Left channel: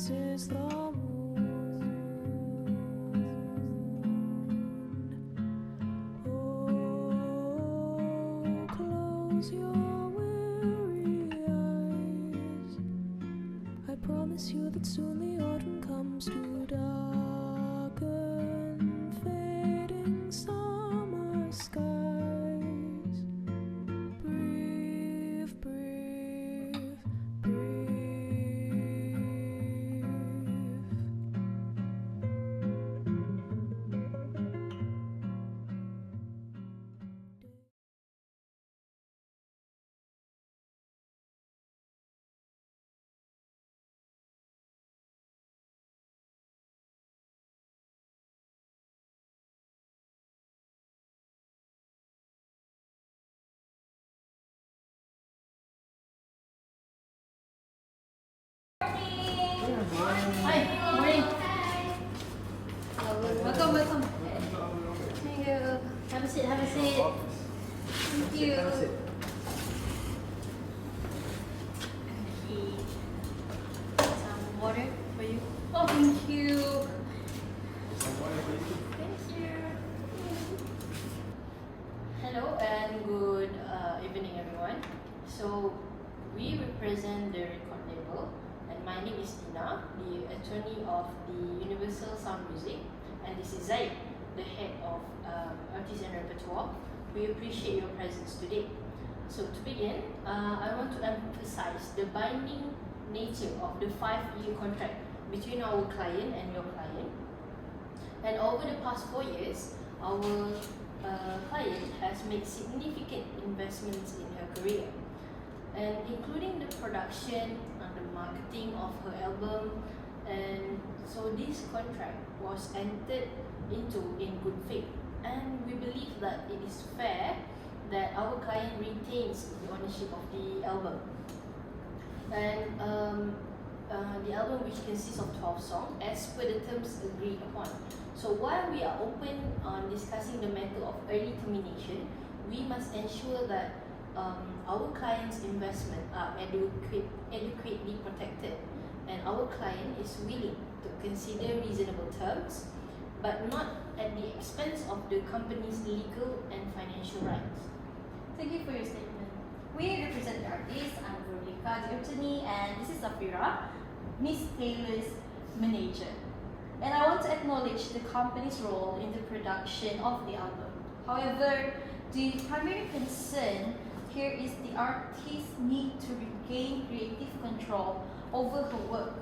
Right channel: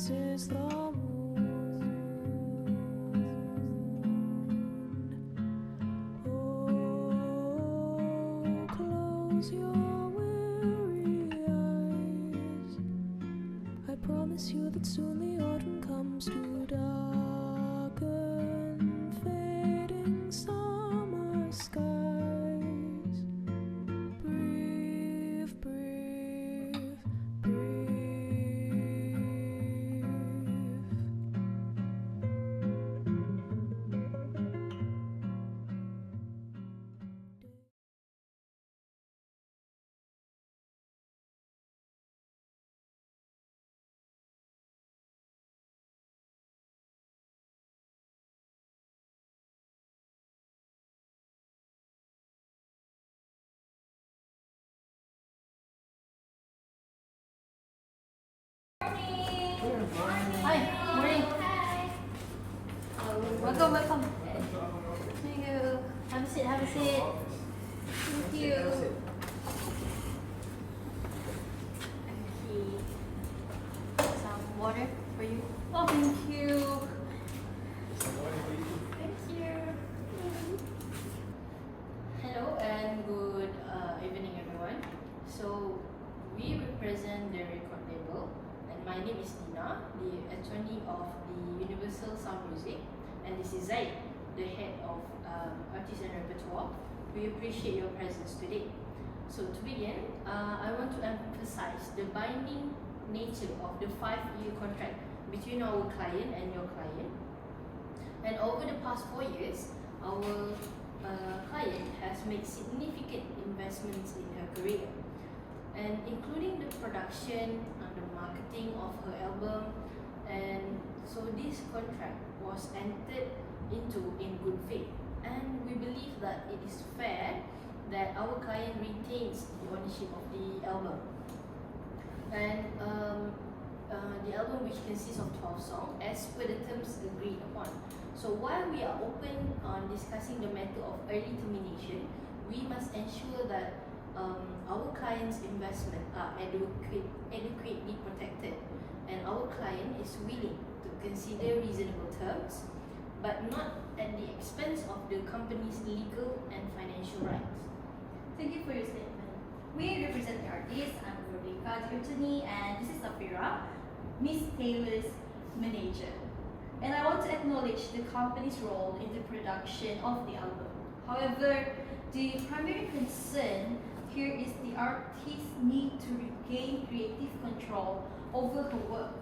rises the moon. Oh, close your weary eyes. I promise you that soon the autumn comes to darken fading summer skies. Breathe, breathe, breathe. Hi, morning. Welcome, welcome. Thank you. Have a seat, have a seat. Thank you. Some water for you. Oh, thank you. Thank you. Hello and good evening, everyone. So, we represent the record label. My name is Tina, the attorney of the Universal Sound Music, and this is Zaid, the head of Artists and Repertoire. We appreciate your presence today. So to begin, I want to emphasize the binding nature of the 5-year contract between our client and your client. And over the past 4 years, our client has made significant investments in her career, and including the production and the marketing of her album. And so this contract was entered into in good faith, and we believe that it is fair that our client retains the ownership of the album. And the album, which consists of 12 songs as per the terms agreed upon. So while we are open on discussing the matter of early termination, we must ensure that our client's investment are adequately protected, and our client is willing to consider reasonable terms, but not at the expense of the company's legal and financial rights. Thank you for your statement. We represent the artist. I'm Veronica, the attorney, and this is Safira, Miss Taylor's manager. And I want to acknowledge the company's role in the production of the album. However, the primary concern here is the artist's need to regain creative control over her work.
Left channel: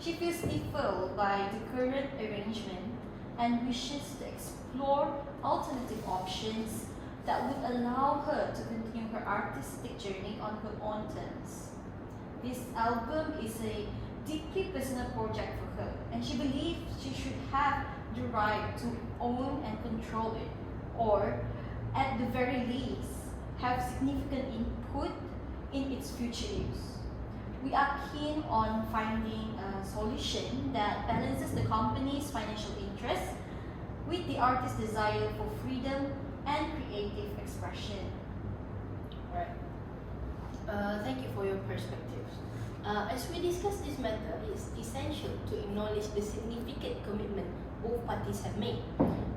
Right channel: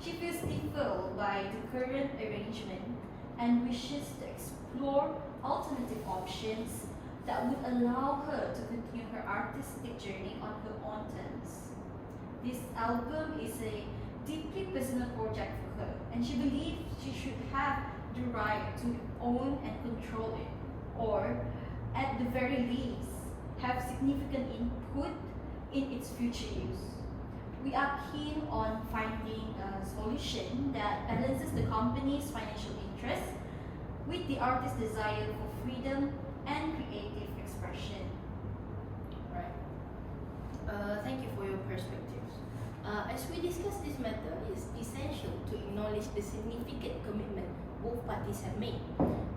She feels stifled by the current arrangement and wishes to explore alternative options that would allow her to continue her artistic journey on her own terms. This album is a deeply personal project for her, and she believes she should have the right to own and control it, or at the very least, have significant input in its future use. We are keen on finding a solution that balances the company's financial interests with the artist's desire for freedom and creative expression. Alright. Thank you for your perspectives. As we discuss this matter, it's essential to acknowledge the significant commitment both parties have made.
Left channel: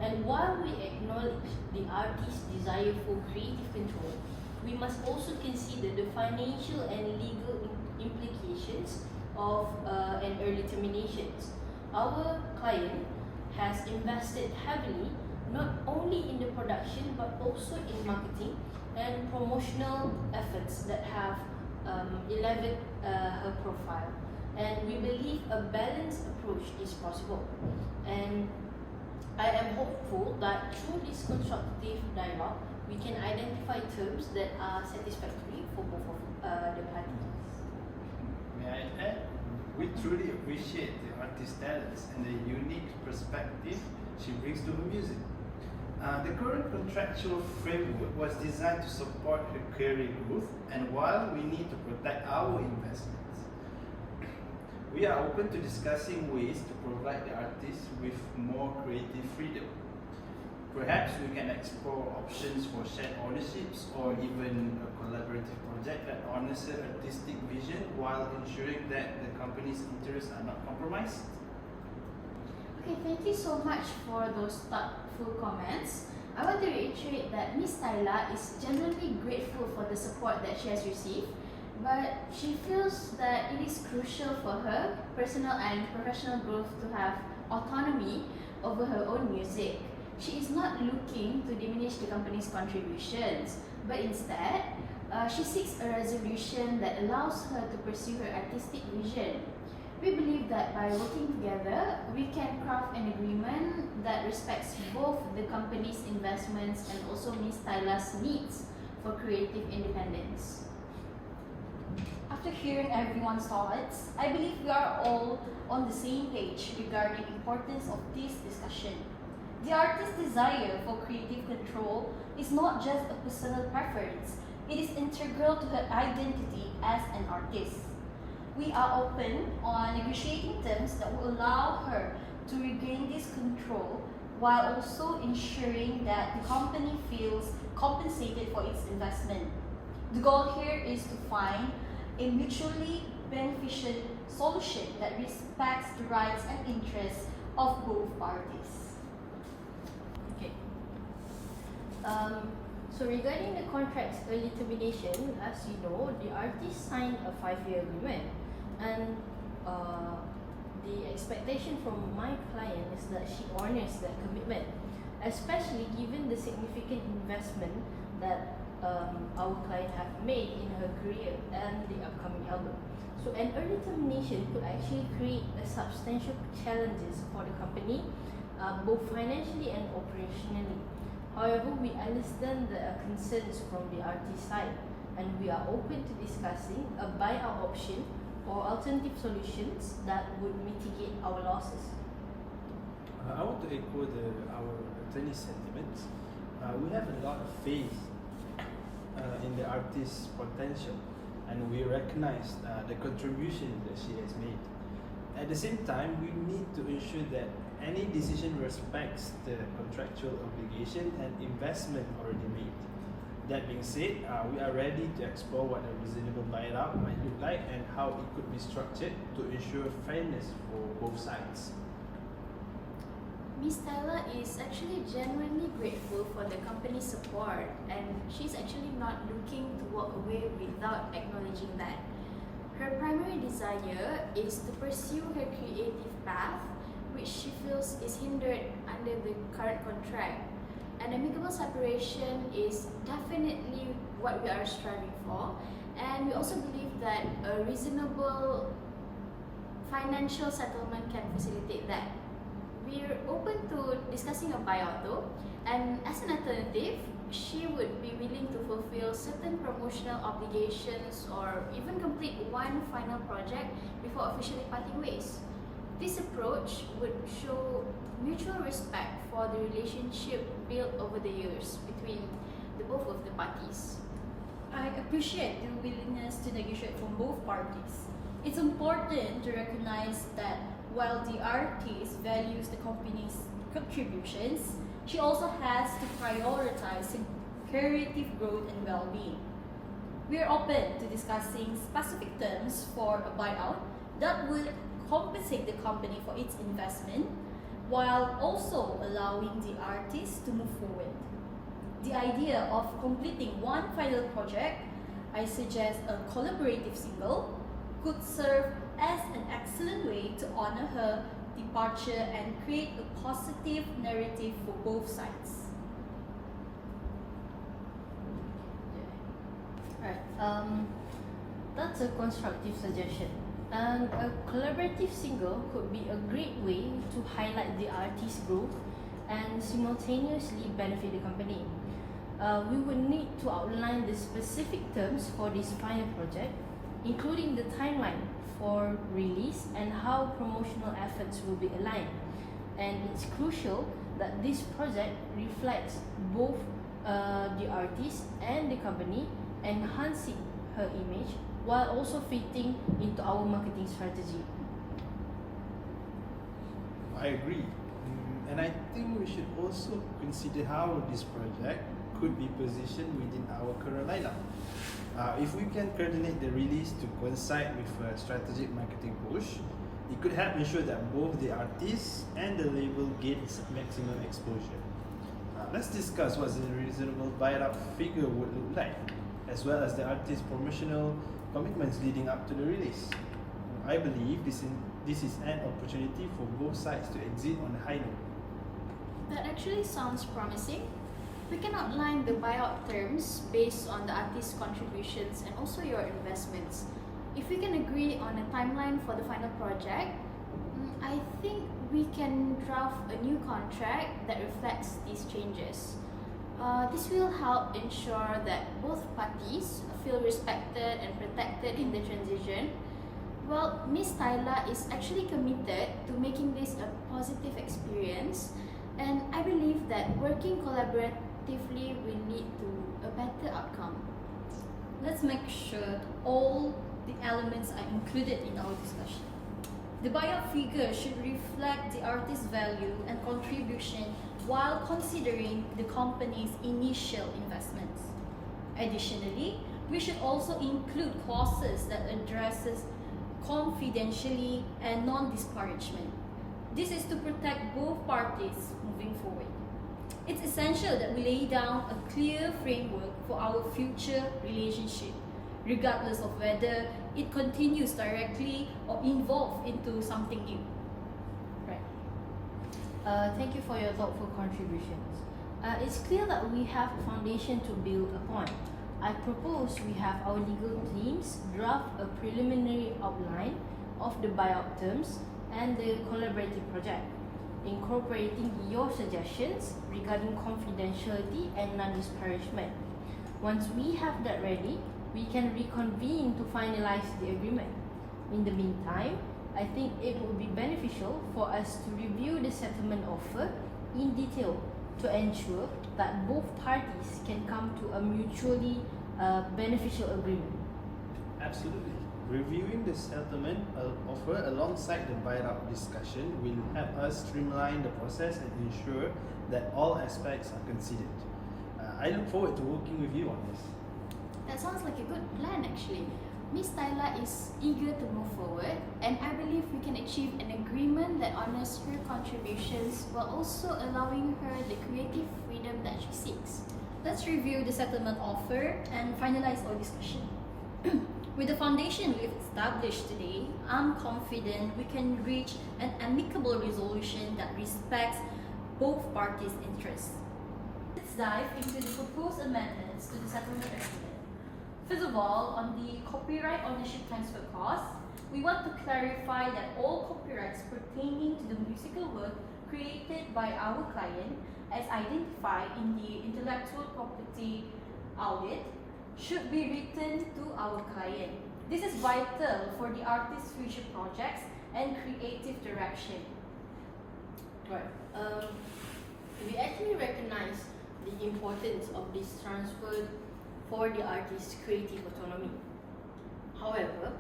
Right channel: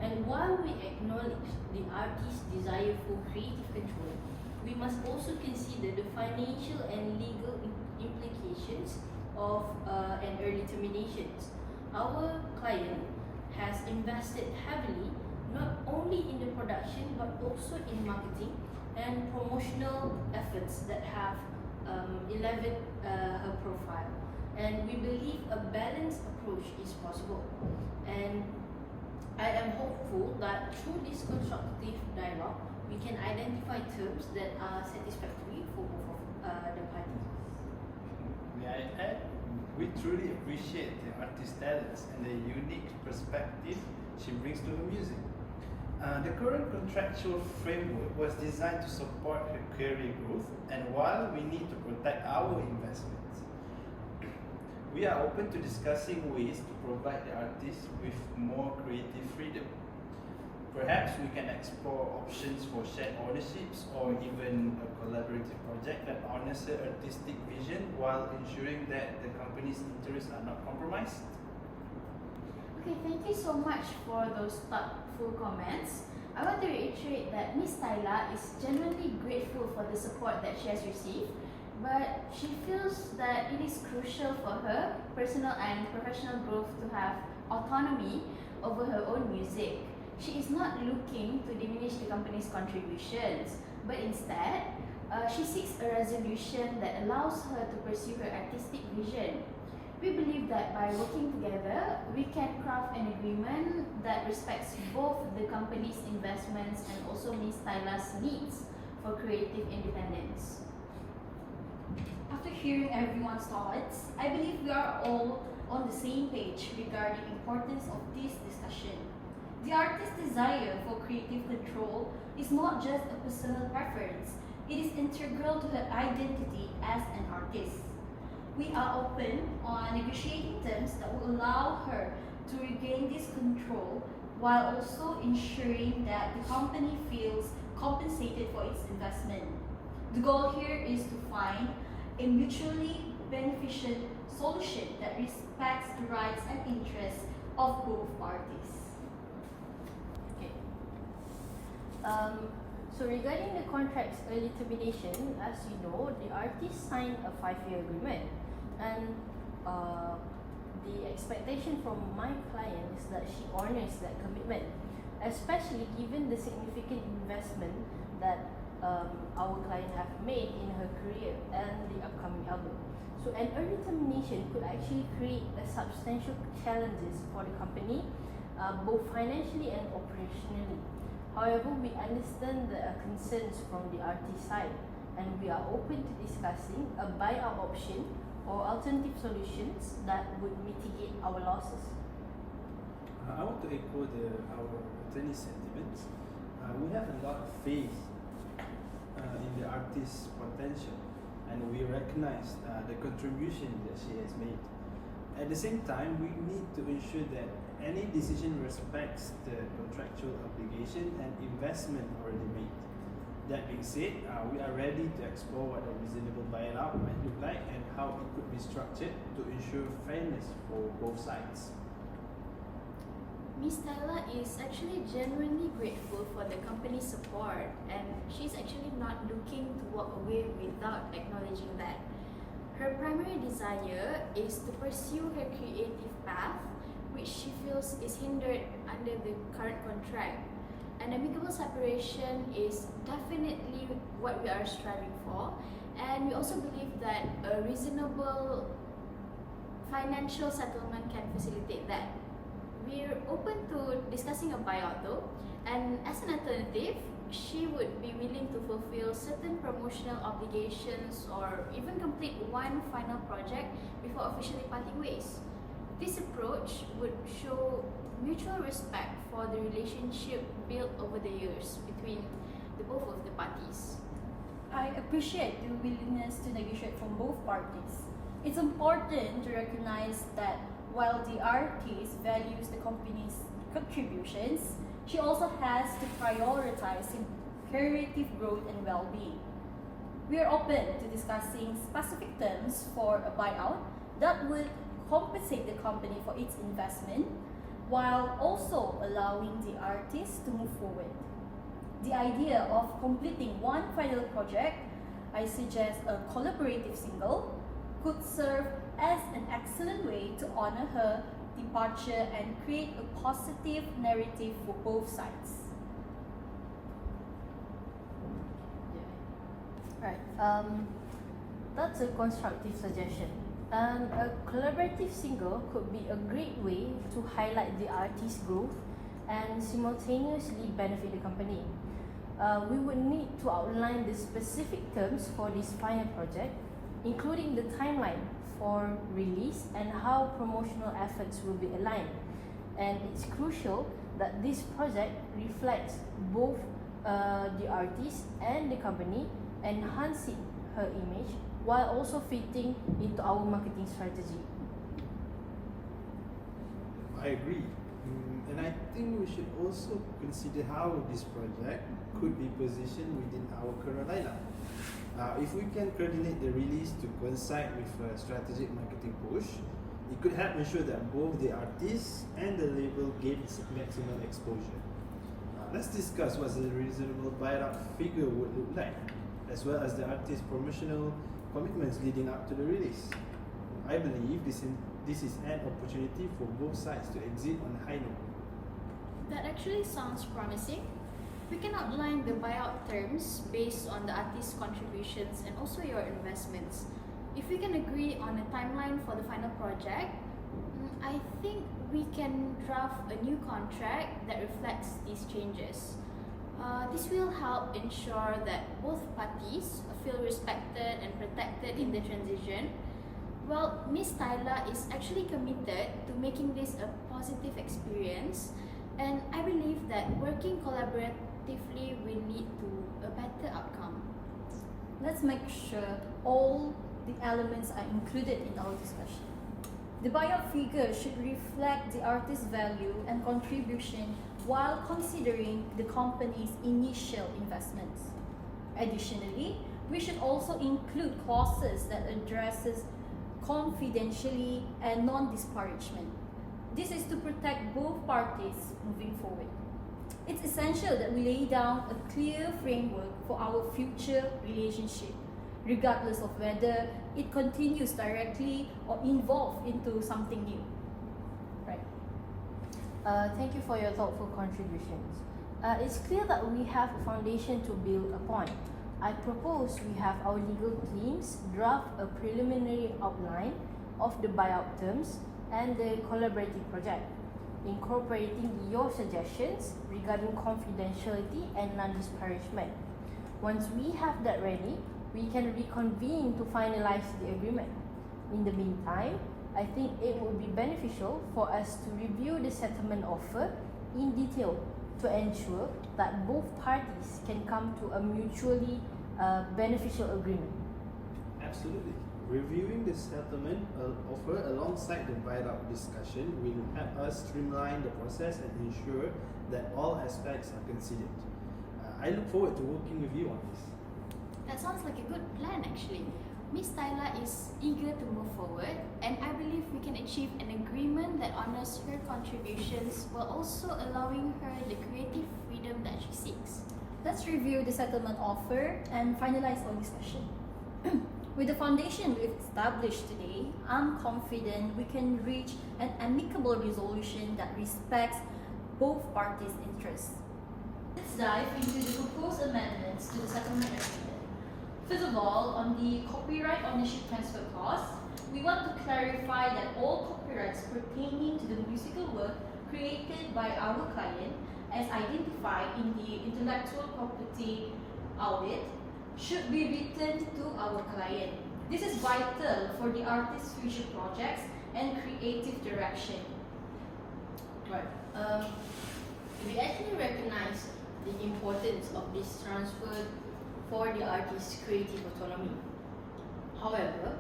And while we acknowledge the artist's desire for creative control, we must also consider the financial and legal implications of an early termination. Our client has invested heavily not only in the production but also in marketing and promotional efforts that have elevated her profile. And we believe a balanced approach is possible. And I am hopeful that through this constructive dialogue, we can identify terms that are satisfactory for both of the parties. May I add? We truly appreciate the artist's talents and the unique perspective she brings to her music. The current contractual framework was designed to support her career growth, and while we need to protect our investments, we are open to discussing ways to provide the artist with more creative freedom. Perhaps we can explore options for shared ownerships or even a collaborative project that honors her artistic vision while ensuring that the company's interests are not compromised. Okay, thank you so much for those thoughtful comments. I want to reiterate that Miss Tyla is genuinely grateful for the support that she has received, but she feels that it is crucial for her personal and professional growth to have autonomy over her own music. She is not looking to diminish the company's contributions, but instead, she seeks a resolution that allows her to pursue her artistic vision. We believe that by working together, we can craft an agreement that respects both the company's investments and also Ms. Tyla's needs for creative independence. After hearing everyone's thoughts, I believe we are all on the same page regarding the importance of this discussion. The artist's desire for creative control is not just a personal preference, it is integral to her identity as an artist. We are open on negotiating terms that will allow her to regain this control while also ensuring that the company feels compensated for its investment. The goal here is to find a mutually beneficial solution that respects the rights and interests of both parties. Okay. So regarding the contract's early termination, as you know, the artist signed a 5-year agreement, and the expectation from my client is that she honors that commitment, especially given the significant investment that our client have made in her career and the upcoming album. So an early termination could actually create a substantial challenges for the company, both financially and operationally. However, we understand the concerns from the artist side, and we are open to discussing a buyout option or alternative solutions that would mitigate our losses. I want to echo our attorney's sentiments. We have a lot of faith in the artist's potential, and we recognize the contribution that she has made. At the same time, we need to ensure that any decision respects the contractual obligation and investment already made. That being said, we are ready to explore what a reasonable buyout might look like and how it could be structured to ensure fairness for both sides. Ms. Tyla is actually genuinely grateful for the company's support, and she's actually not looking to walk away without acknowledging that. Her primary desire is to pursue her creative path, which she feels is hindered under the current contract. An amicable separation is definitely what we are striving for, and we also believe that a reasonable financial settlement can facilitate that. We're open to discussing a buyout though, and as an alternative, she would be willing to fulfill certain promotional obligations or even complete one final project before officially parting ways. This approach would show mutual respect for the relationship built over the years between the both of the parties. I appreciate the willingness to negotiate from both parties. It's important to recognize that while the artist values the company's contributions, she also has to prioritize creative growth and well-being. We are open to discussing specific terms for a buyout that would compensate the company for its investment while also allowing the artist to move forward. The idea of completing one final project, I suggest a collaborative single, could serve as an excellent way to honor her departure and create a positive narrative for both sides. Right. That's a constructive suggestion. And a collaborative single could be a great way to highlight the artist's growth and simultaneously benefit the company. We would need to outline the specific terms for this final project, including the timeline for release and how promotional efforts will be aligned. And it's crucial that this project reflects both the artist and the company, enhancing her image while also fitting into our marketing strategy. I agree. And I think we should also consider how this project could be positioned within our current lineup. If we can coordinate the release to coincide with a strategic marketing push, it could help ensure that both the artist and the label gains maximum exposure. Let's discuss what a reasonable buy-up figure would look like, as well as the artist's promotional commitments leading up to the release. I believe this is an opportunity for both sides to exit on a high note. That actually sounds promising. We can outline the buyout terms based on the artist's contributions and also your investments. If we can agree on a timeline for the final project, I think we can draft a new contract that reflects these changes. This will help ensure that both parties feel respected and protected in the transition. Well, Miss Tyla is actually committed to making this a positive experience, and I believe that working collaboratively will lead to a better outcome. Let's make sure all the elements are included in our discussion. The buyout figure should reflect the artist's value and contribution while considering the company's initial investments. Additionally, we should also include clauses that addresses confidentiality and non-disparagement. This is to protect both parties moving forward. It's essential that we lay down a clear framework for our future relationship, regardless of whether it continues directly or evolve into something new. Right. Thank you for your thoughtful contributions. It's clear that we have a foundation to build upon. I propose we have our legal teams draft a preliminary outline of the buyout terms and the collaborative project, incorporating your suggestions regarding confidentiality and non-disparagement. Once we have that ready, we can reconvene to finalize the agreement. In the meantime, I think it would be beneficial for us to review the settlement offer in detail to ensure that both parties can come to a mutually beneficial agreement. Absolutely. Reviewing the settlement offer alongside the buyout discussion will help us streamline the process and ensure that all aspects are considered. I look forward to working with you on this. That sounds like a good plan actually. Miss Tyla is eager to move forward, and I believe we can achieve an agreement that honors her contributions while also allowing her the creative freedom that she seeks. Let's review the settlement offer and finalize our discussion. With the foundation we've established today, I'm confident we can reach an amicable resolution that respects both parties' interests. Let's dive into the proposed amendments to the settlement agreement. First of all, on the copyright ownership transfer clause, we want to clarify that all copyrights pertaining to the musical work created by our client, as identified in the intellectual property audit, should be returned to our client. This is vital for the artist's future projects and creative direction. Right. We actually recognize the importance of this transfer for the artist's creative autonomy. However,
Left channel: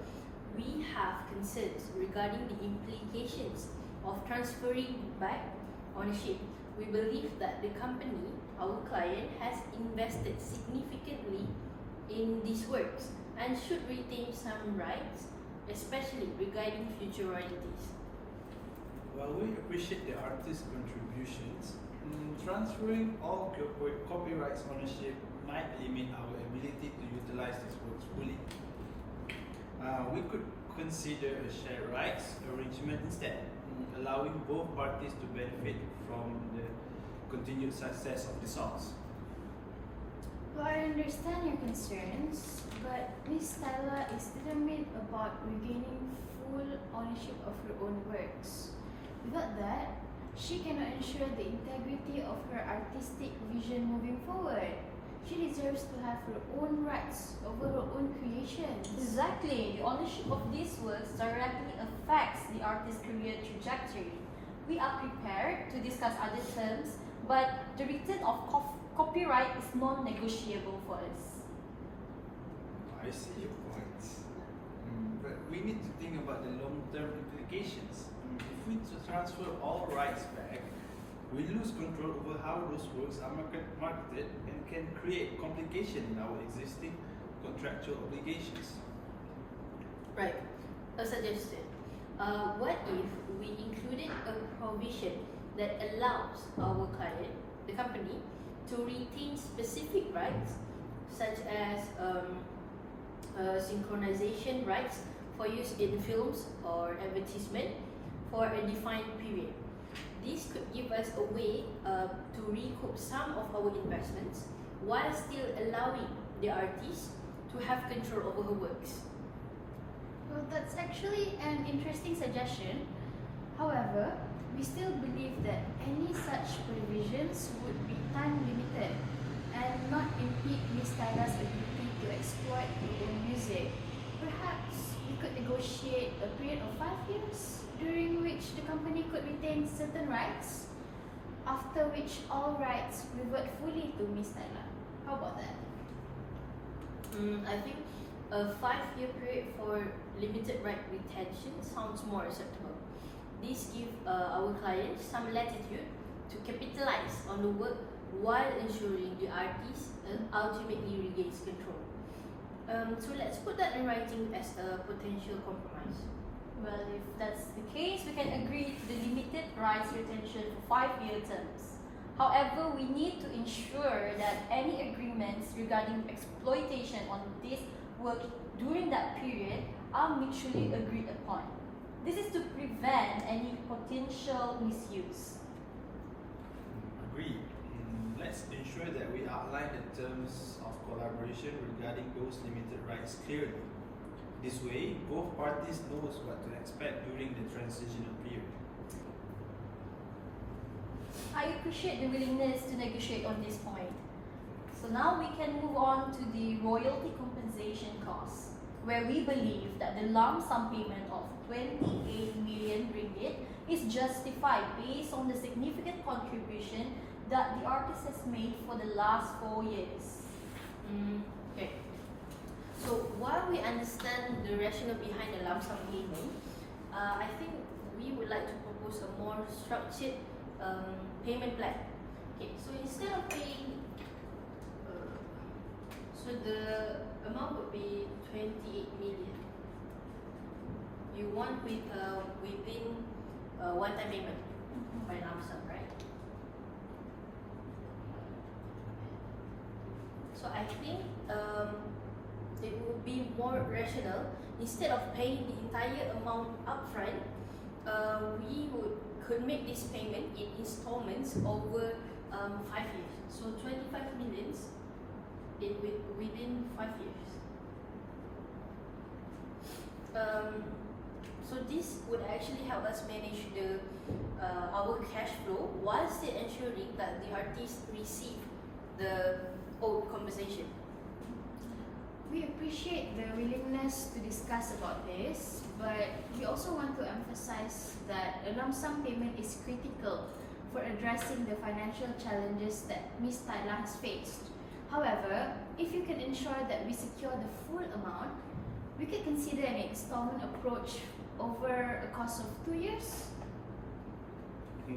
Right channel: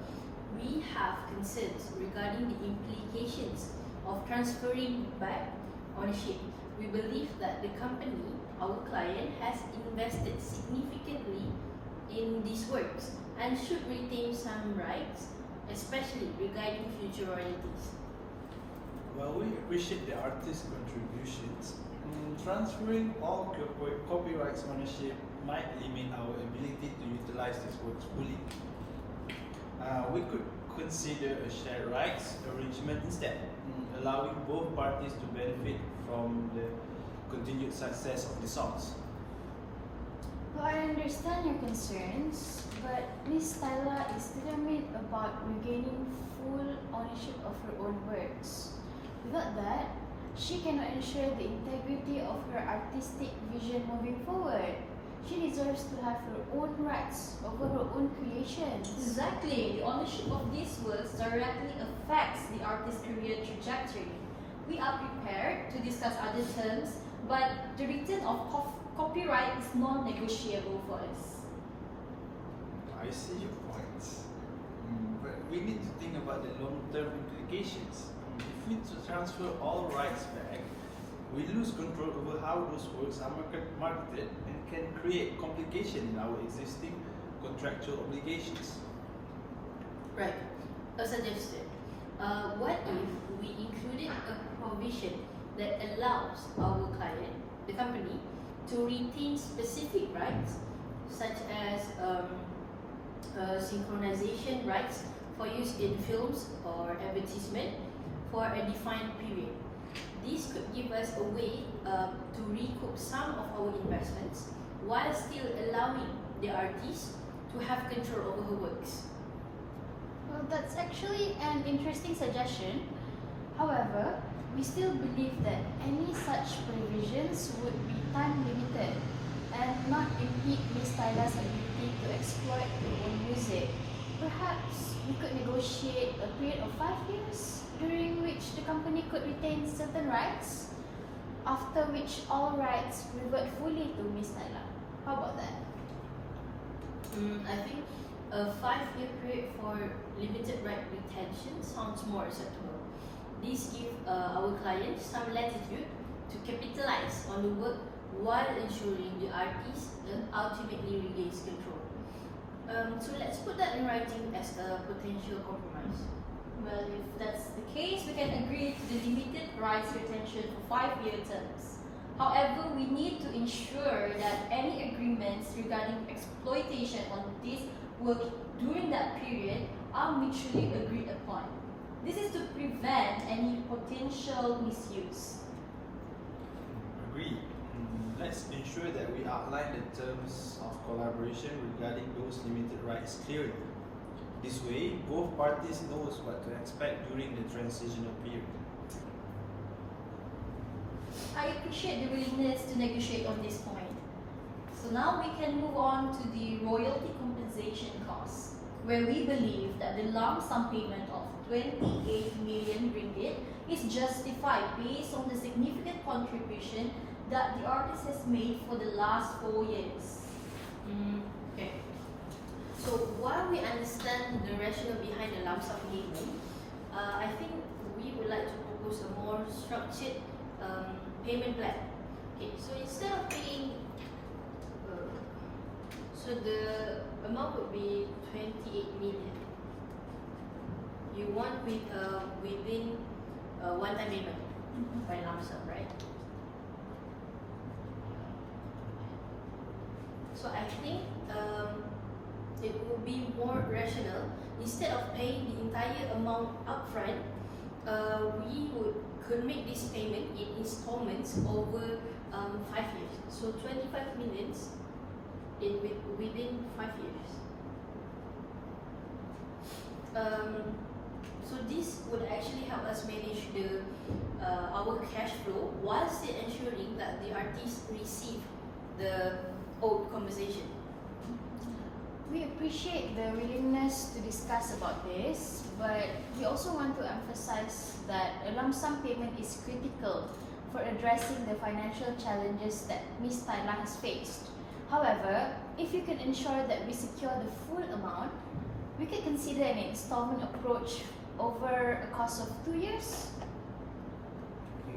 we have concerns regarding the implications of transferring back ownership. We believe that the company, our client, has invested significantly in these works and should retain some rights, especially regarding future royalties. While we appreciate the artist's contributions, transferring all copyrights ownership might limit our ability to utilize these works fully. We could consider a shared rights arrangement instead, allowing both parties to benefit from the continued success of the songs. Well, I understand your concerns, but Miss Tyla is determined about regaining full ownership of her own works. Without that, she cannot ensure the integrity of her artistic vision moving forward. She deserves to have her own rights over her own creations. Exactly. The ownership of these works directly affects the artist's career trajectory. We are prepared to discuss other terms, but the return of copyright is non-negotiable for us. I see your points. But we need to think about the long-term implications. If we transfer all rights back, we lose control over how those works are marketed and can create complication in our existing contractual obligations. Right. A suggestion. What if we included a provision that allows our client, the company, to retain specific rights, such as synchronization rights for use in films or advertisement for a defined period. This could give us a way to recoup some of our investments while still allowing the artist to have control over her works. Well, that's actually an interesting suggestion. However, we still believe that any such provisions would be time limited and not impede Ms. Tyla's ability to exploit her own music. Perhaps we could negotiate a period of 5 years during which the company could retain certain rights, after which all rights revert fully to Ms. Tyla. How about that? I think a 5-year period for limited right retention sounds more acceptable. This gives our clients some latitude to capitalize on the work while ensuring the artist ultimately regains control. So let's put that in writing as a potential compromise. Well, if that's the case, we can agree to the limited rights retention for 5-year terms. However, we need to ensure that any agreements regarding exploitation on this work during that period are mutually agreed upon. This is to prevent any potential misuse. Agreed. Let's ensure that we outline the terms of collaboration regarding those limited rights clearly. This way, both parties knows what to expect during the transitional period. I appreciate the willingness to negotiate on this point. So now we can move on to the royalty compensation costs, where we believe that the lump sum payment of 28 million ringgit is justified based on the significant contribution that the artist has made for the last 4 years. Okay. So while we understand the rationale behind the lump sum payment, I think we would like to propose a more structured payment plan. Okay, so instead of paying, so the amount would be 28 million. You want within one-time payment by lump sum, right? So I think it would be more rational, instead of paying the entire amount upfront, we could make this payment in installments over 5 years. So 25 millions within 5 years. So this would actually help us manage our cash flow while still ensuring that the artists receive the owed compensation. We appreciate the willingness to discuss about this, but we also want to emphasize that a lump sum payment is critical for addressing the financial challenges that Ms. Tyla has faced. However, if you can ensure that we secure the full amount, we could consider an installment approach over a course of 2 years. I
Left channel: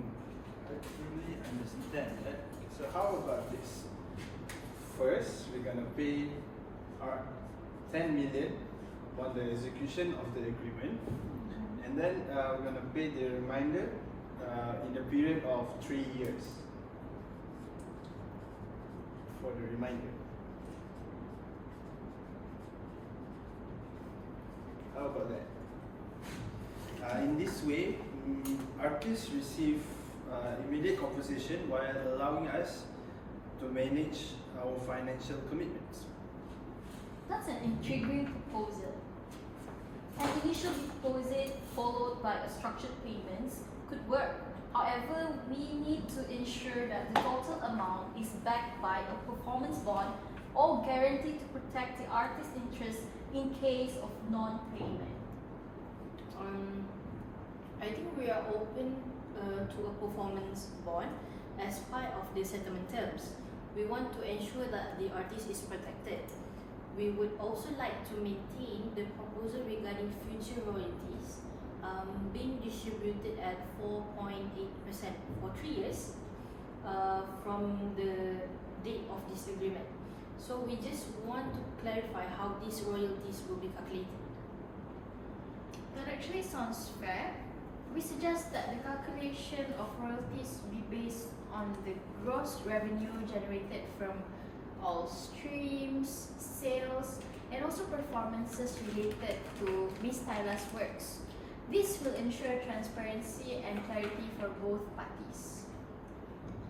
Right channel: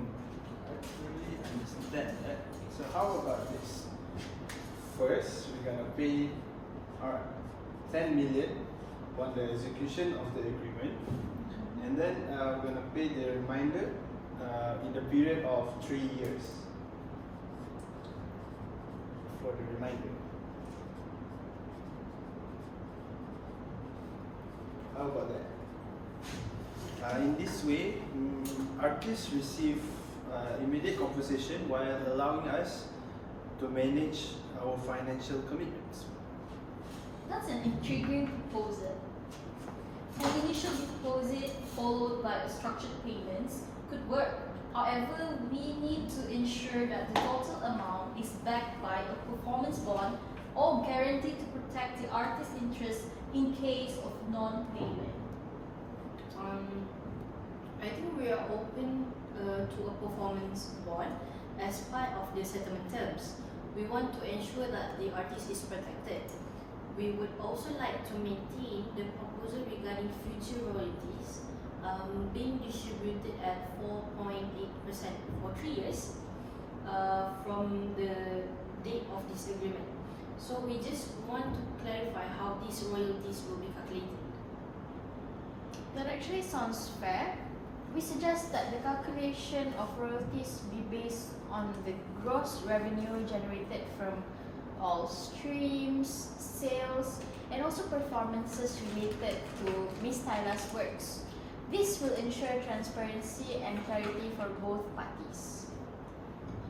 truly understand that. So how about this? First, we're gonna pay 10 million on the execution of the agreement, and then we're gonna pay the remainder in the period of 3 years for the remainder. How about that? In this way, artists receive immediate compensation while allowing us to manage our financial commitments. That's an intriguing proposal. An initial deposit followed by a structured payments could work. However, we need to ensure that the total amount is backed by a performance bond or guaranteed to protect the artist's interest in case of non-payment. I think we are open to a performance bond as part of the settlement terms. We want to ensure that the artist is protected. We would also like to maintain the proposal regarding future royalties being distributed at 4.8% for 3 years, from the date of this agreement. So we just want to clarify how these royalties will be calculated. That actually sounds fair. We suggest that the calculation of royalties be based on the gross revenue generated from all streams, sales, and also performances related to Ms. Tyla's works. This will ensure transparency and clarity for both parties.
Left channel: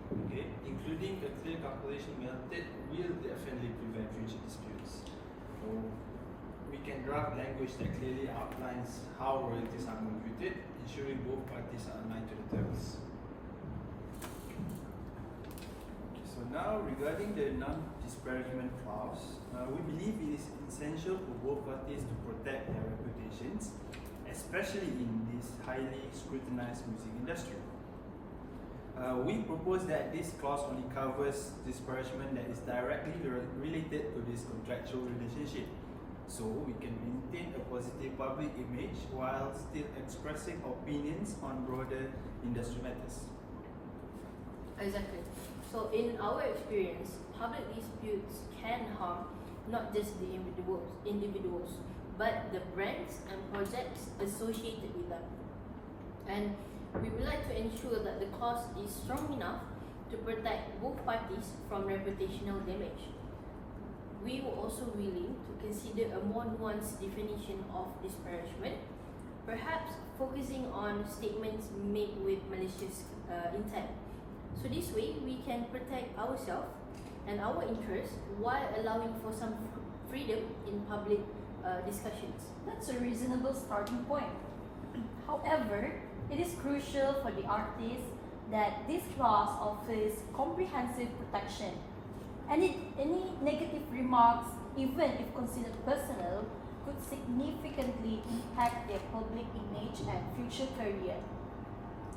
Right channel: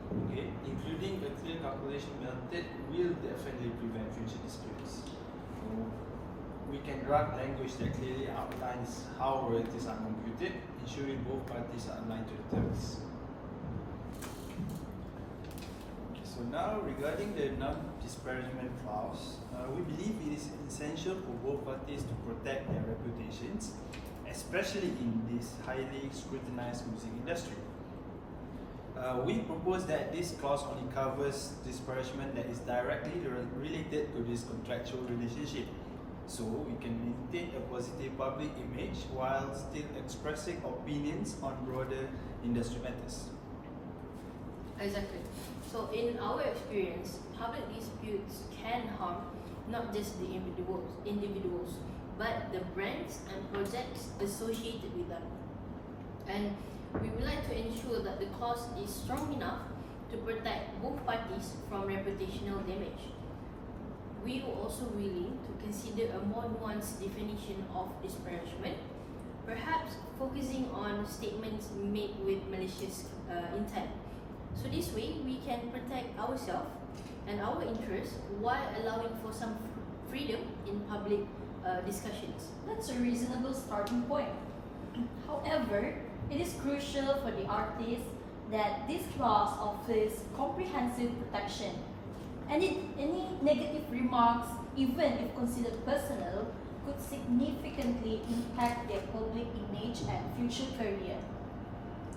Okay, including a clear calculation method will definitely prevent future disputes. So we can draft language that clearly outlines how royalties are computed, ensuring both parties are aligned to the terms. Okay, so now regarding the non-disparagement clause, we believe it is essential for both parties to protect their reputations, especially in this highly scrutinized music industry. We propose that this clause only covers disparagement that is directly related to this contractual relationship, so we can maintain a positive public image while still expressing opinions on broader industry matters. Exactly. So in our experience, public disputes can harm not just the individuals, but the brands and projects associated with them. And we would like to ensure that the clause is strong enough to protect both parties from reputational damage. We are also willing to consider a more nuanced definition of disparagement, perhaps focusing on statements made with malicious intent. So this way, we can protect ourselves and our interests while allowing for some freedom in public discussions. That's a reasonable starting point. However, it is crucial for the artist that this clause offers comprehensive protection. Any negative remarks, even if considered personal, could significantly impact their public image and future career.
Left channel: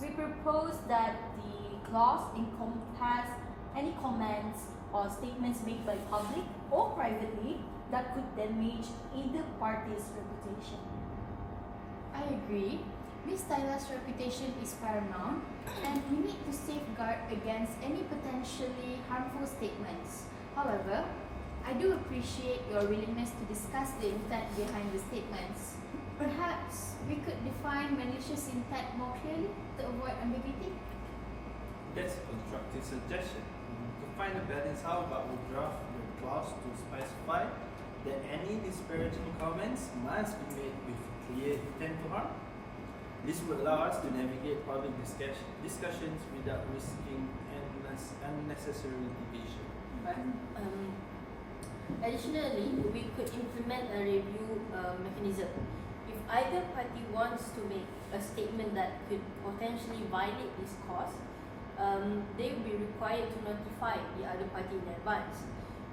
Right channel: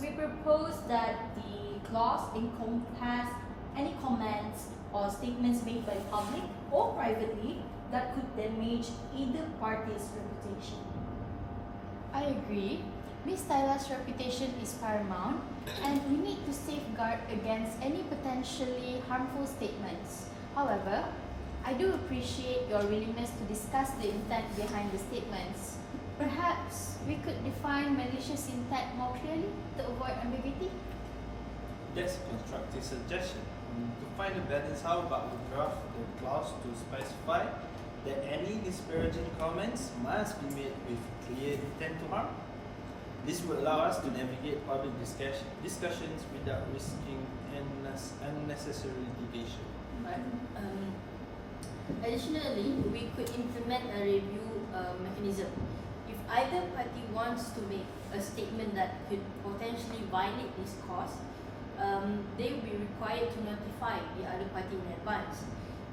We propose that the clause encompass any comments or statements made by public or privately that could damage either party's reputation. I agree. Ms. Tyla's reputation is paramount, and we need to safeguard against any potentially harmful statements. However, I do appreciate your willingness to discuss the intent behind the statements. Perhaps we could define malicious intent more clearly to avoid ambiguity? That's a constructive suggestion. To find a balance, how about we draft the clause to specify that any disparaging comments must be made with clear intent to harm? This will allow us to navigate public discussions without risking unnecessary litigation. Right. Additionally, we could implement a review mechanism. If either party wants to make a statement that could potentially violate this clause, they will be required to notify the other party in advance.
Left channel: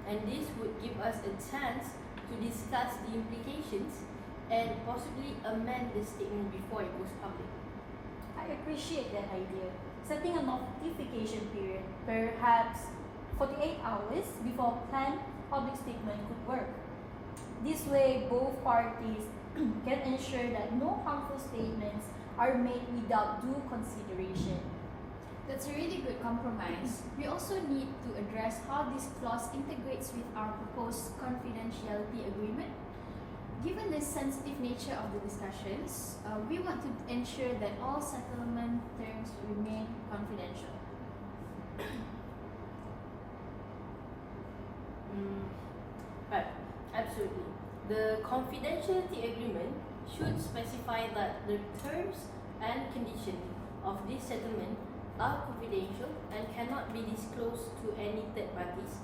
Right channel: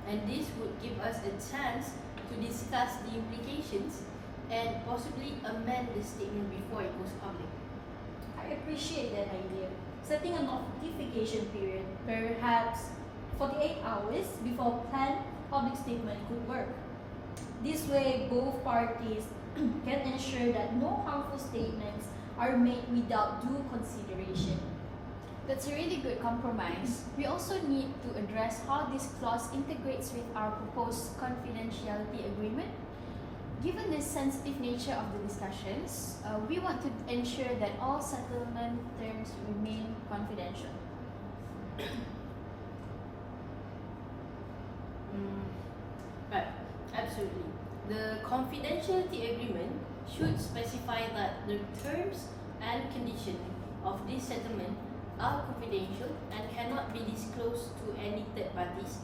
And this would give us a chance to discuss the implications and possibly amend the statement before it goes public. I appreciate that idea. Setting a notification period, perhaps 48 hours before planned public statement could work. This way, both parties can ensure that no harmful statements are made without due consideration. That's a really good compromise. We also need to address how this clause integrates with our proposed confidentiality agreement. Given the sensitive nature of the discussions, we want to ensure that all settlement terms remain confidential. Right, absolutely. The confidentiality agreement should specify that the terms and conditions of this settlement are confidential and cannot be disclosed to any third parties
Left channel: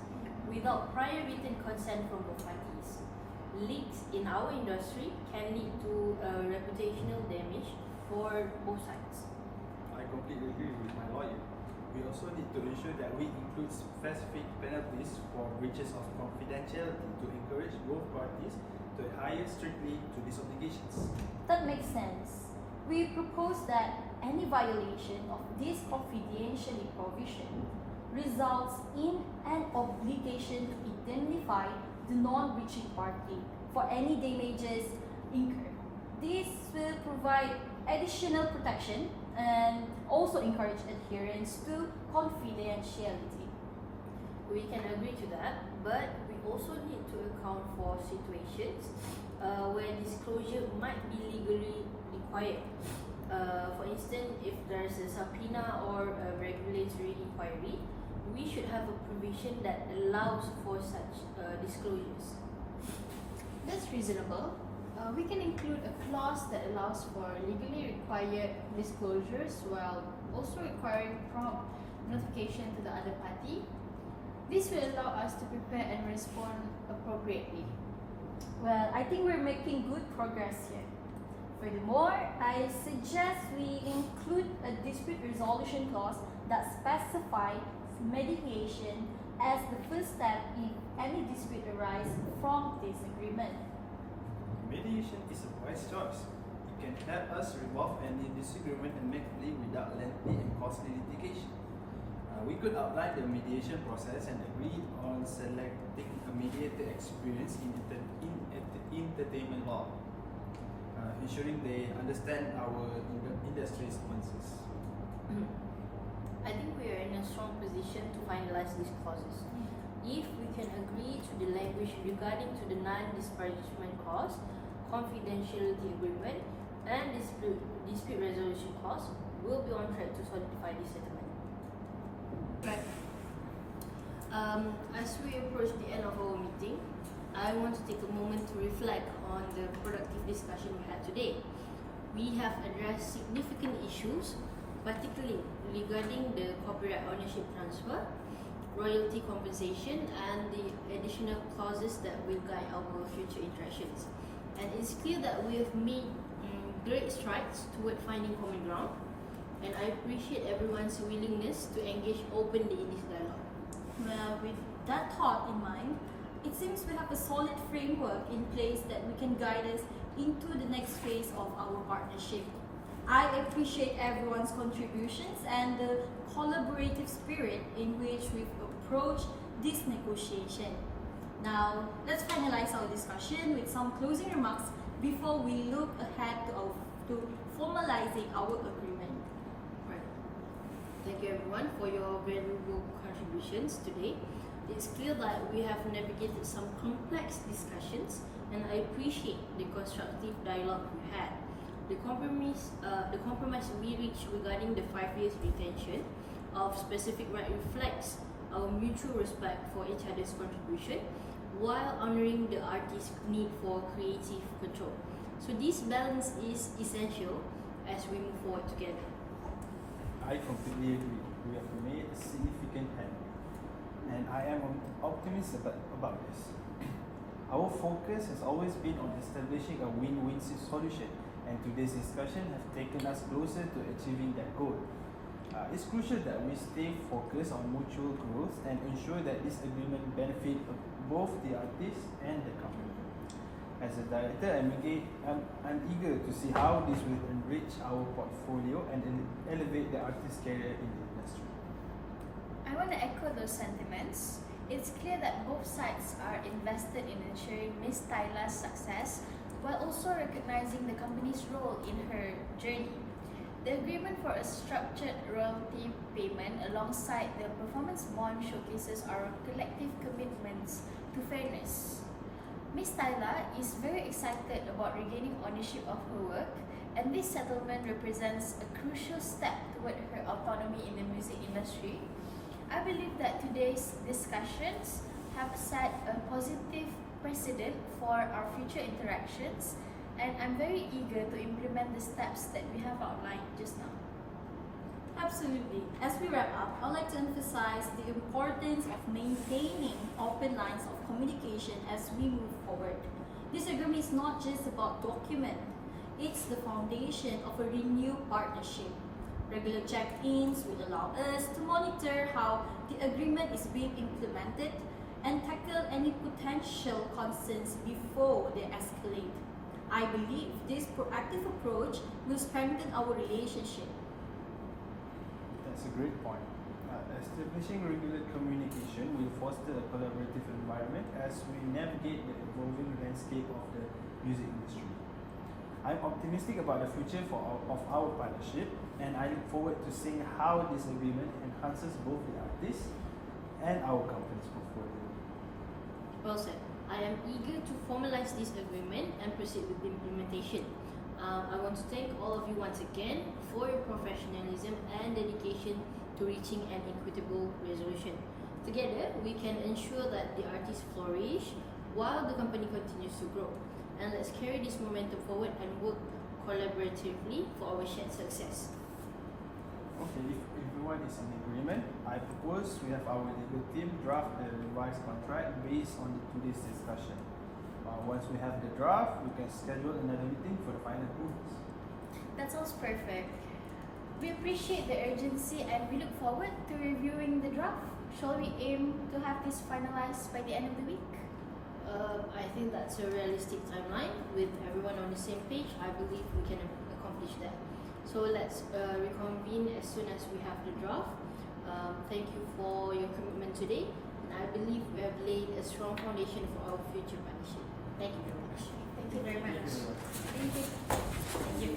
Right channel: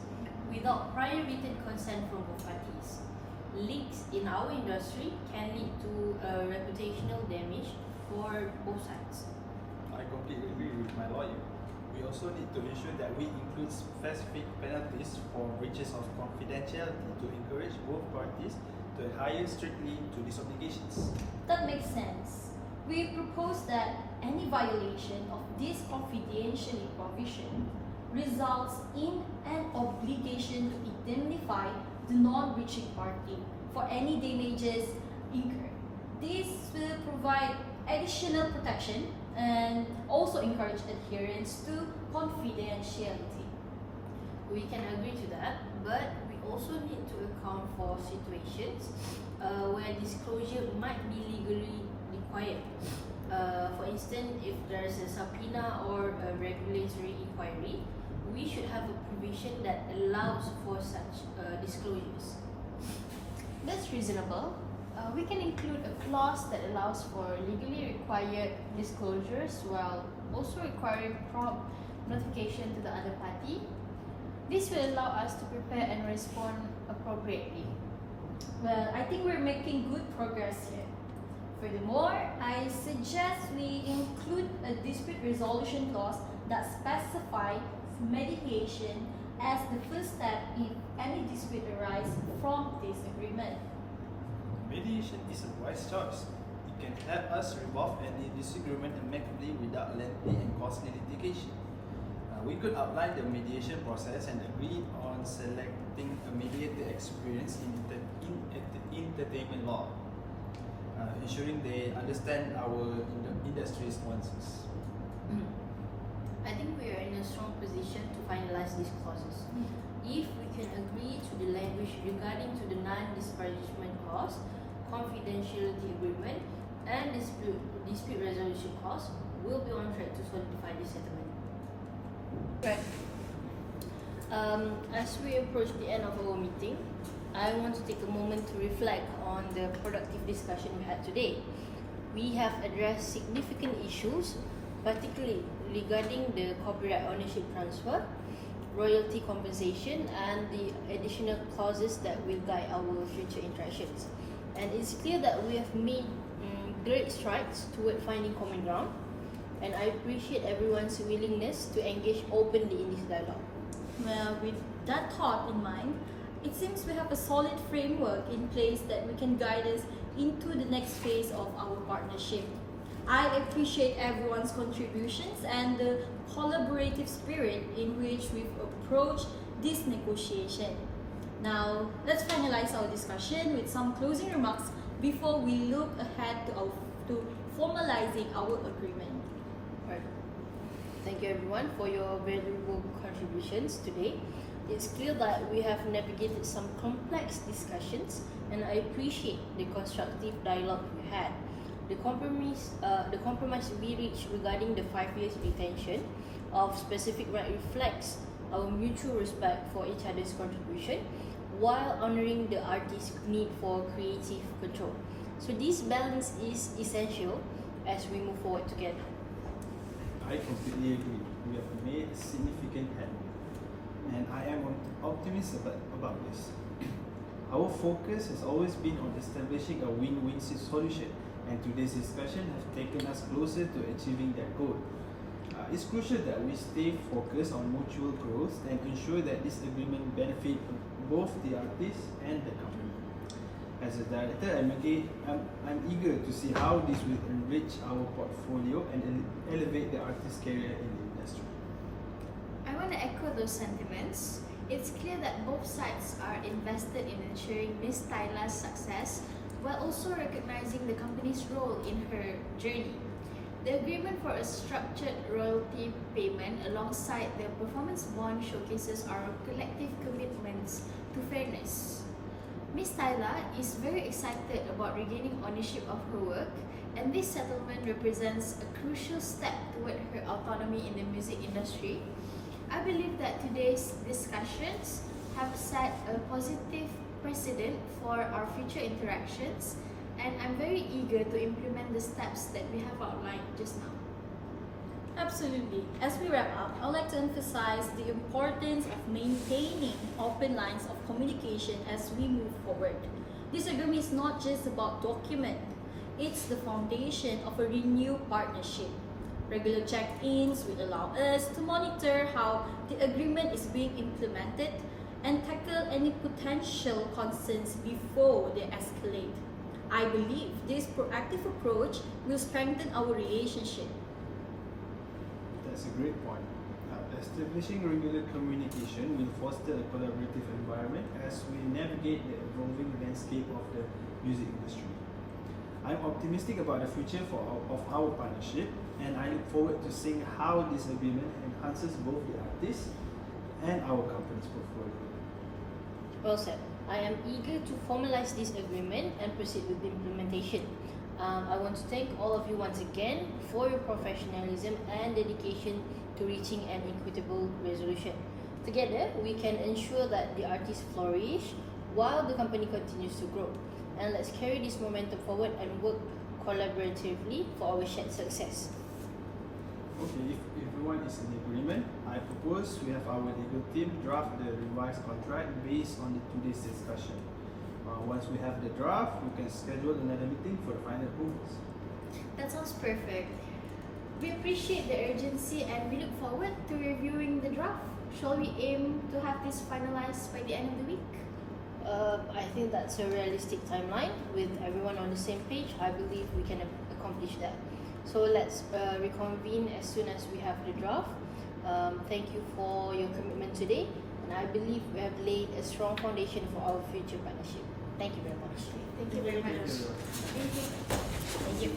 without prior written consent from both parties. Leaks in our industry can lead to reputational damage for both sides. I completely agree with my lawyer. We also need to ensure that we include specific penalties for breaches of confidentiality to encourage both parties to adhere strictly to these obligations. That makes sense. We propose that any violation of this confidentiality provision results in an obligation to indemnify the non-breaching party for any damages incurred. This will provide additional protection and also encourage adherence to confidentiality. We can agree to that, but we also need to account for situations where disclosure might be legally required. For instance, if there is a subpoena or a regulatory inquiry, we should have a provision that allows for such disclosures. That's reasonable. We can include a clause that allows for legally required disclosures while also requiring prompt notification to the other party. This will allow us to prepare and respond appropriately. Well, I think we're making good progress here. Furthermore, I suggest we include a dispute resolution clause that specifies mediation as the first step if any dispute arises from this agreement. Mediation is a wise choice. It can help us resolve any disagreement amicably without lengthy and costly litigation. We could outline the mediation process and agree on selecting a mediator experienced in entertainment law, ensuring they understand our industry's nuances. I think we are in a strong position to finalize these clauses. If we can agree to the language regarding to the non-disparagement clause, confidentiality agreement, and dispute resolution clause, we'll be on track to solidify this settlement. Right. As we approach the end of our meeting, I want to take a moment to reflect on the productive discussion we had today. We have addressed significant issues, particularly regarding the copyright ownership transfer, royalty compensation, and the additional clauses that will guide our future interactions. And it's clear that we have made great strides toward finding common ground, and I appreciate everyone's willingness to engage openly in this dialogue. Well, with that thought in mind, it seems we have a solid framework in place that we can guide us into the next phase of our partnership. I appreciate everyone's contributions and the collaborative spirit in which we've approached this negotiation. Now, let's finalize our discussion with some closing remarks before we look ahead to formalizing our agreement. Right. Thank you everyone for your valuable contributions today. It's clear that we have navigated some complex discussions, and I appreciate the constructive dialogue we had. The compromise we reached regarding the 5 years retention of specific right reflects our mutual respect for each other's contribution while honoring the artist's need for creative control. So this balance is essential as we move forward together. I completely agree. We have made significant headway, and I am optimistic about this. Our focus has always been on establishing a win-win solution, and today's discussion has taken us closer to achieving that goal. It's crucial that we stay focused on mutual growth and ensure that this agreement benefits both the artist and the company. As a director, I'm eager to see how this will enrich our portfolio and elevate the artist's career in the industry. I want to echo those sentiments. It's clear that both sides are invested in ensuring Miss Tyla's success while also recognizing the company's role in her journey. The agreement for a structured royalty payment alongside the performance bond showcases our collective commitments to fairness. Miss Tyla is very excited about regaining ownership of her work, and this settlement represents a crucial step toward her autonomy in the music industry. I believe that today's discussions have set a positive precedent for our future interactions, and I'm very eager to implement the steps that we have outlined just now. Absolutely. As we wrap up, I'd like to emphasize the importance of maintaining open lines of communication as we move forward. This agreement is not just about document, it's the foundation of a renewed partnership. Regular check-ins will allow us to monitor how the agreement is being implemented and tackle any potential concerns before they escalate. I believe this proactive approach will strengthen our relationship. That's a great point. Establishing regular communication will foster a collaborative environment as we navigate the evolving landscape of the music industry. I'm optimistic about the future of our partnership, and I look forward to seeing how this agreement enhances both the artist and our company's portfolio. Well said. I am eager to formalize this agreement and proceed with the implementation. I want to thank all of you once again for your professionalism and dedication to reaching an equitable resolution. Together, we can ensure that the artists flourish while the company continues to grow. And let's carry this momentum forward and work collaboratively for our shared success. Okay, if everyone is in agreement, I propose we have our legal team draft the revised contract based on today's discussion. Once we have the draft, we can schedule another meeting for the final rules. That sounds perfect. We appreciate the urgency and we look forward to reviewing the draft. Shall we aim to have this finalized by the end of the week? I think that's a realistic timeline. With everyone on the same page, I believe we can accomplish that. So let's reconvene as soon as we have the draft. Thank you for your commitment today, and I believe we have laid a strong foundation for our future partnership. Thank you very much. Thank you very much. Thank you. Thank you.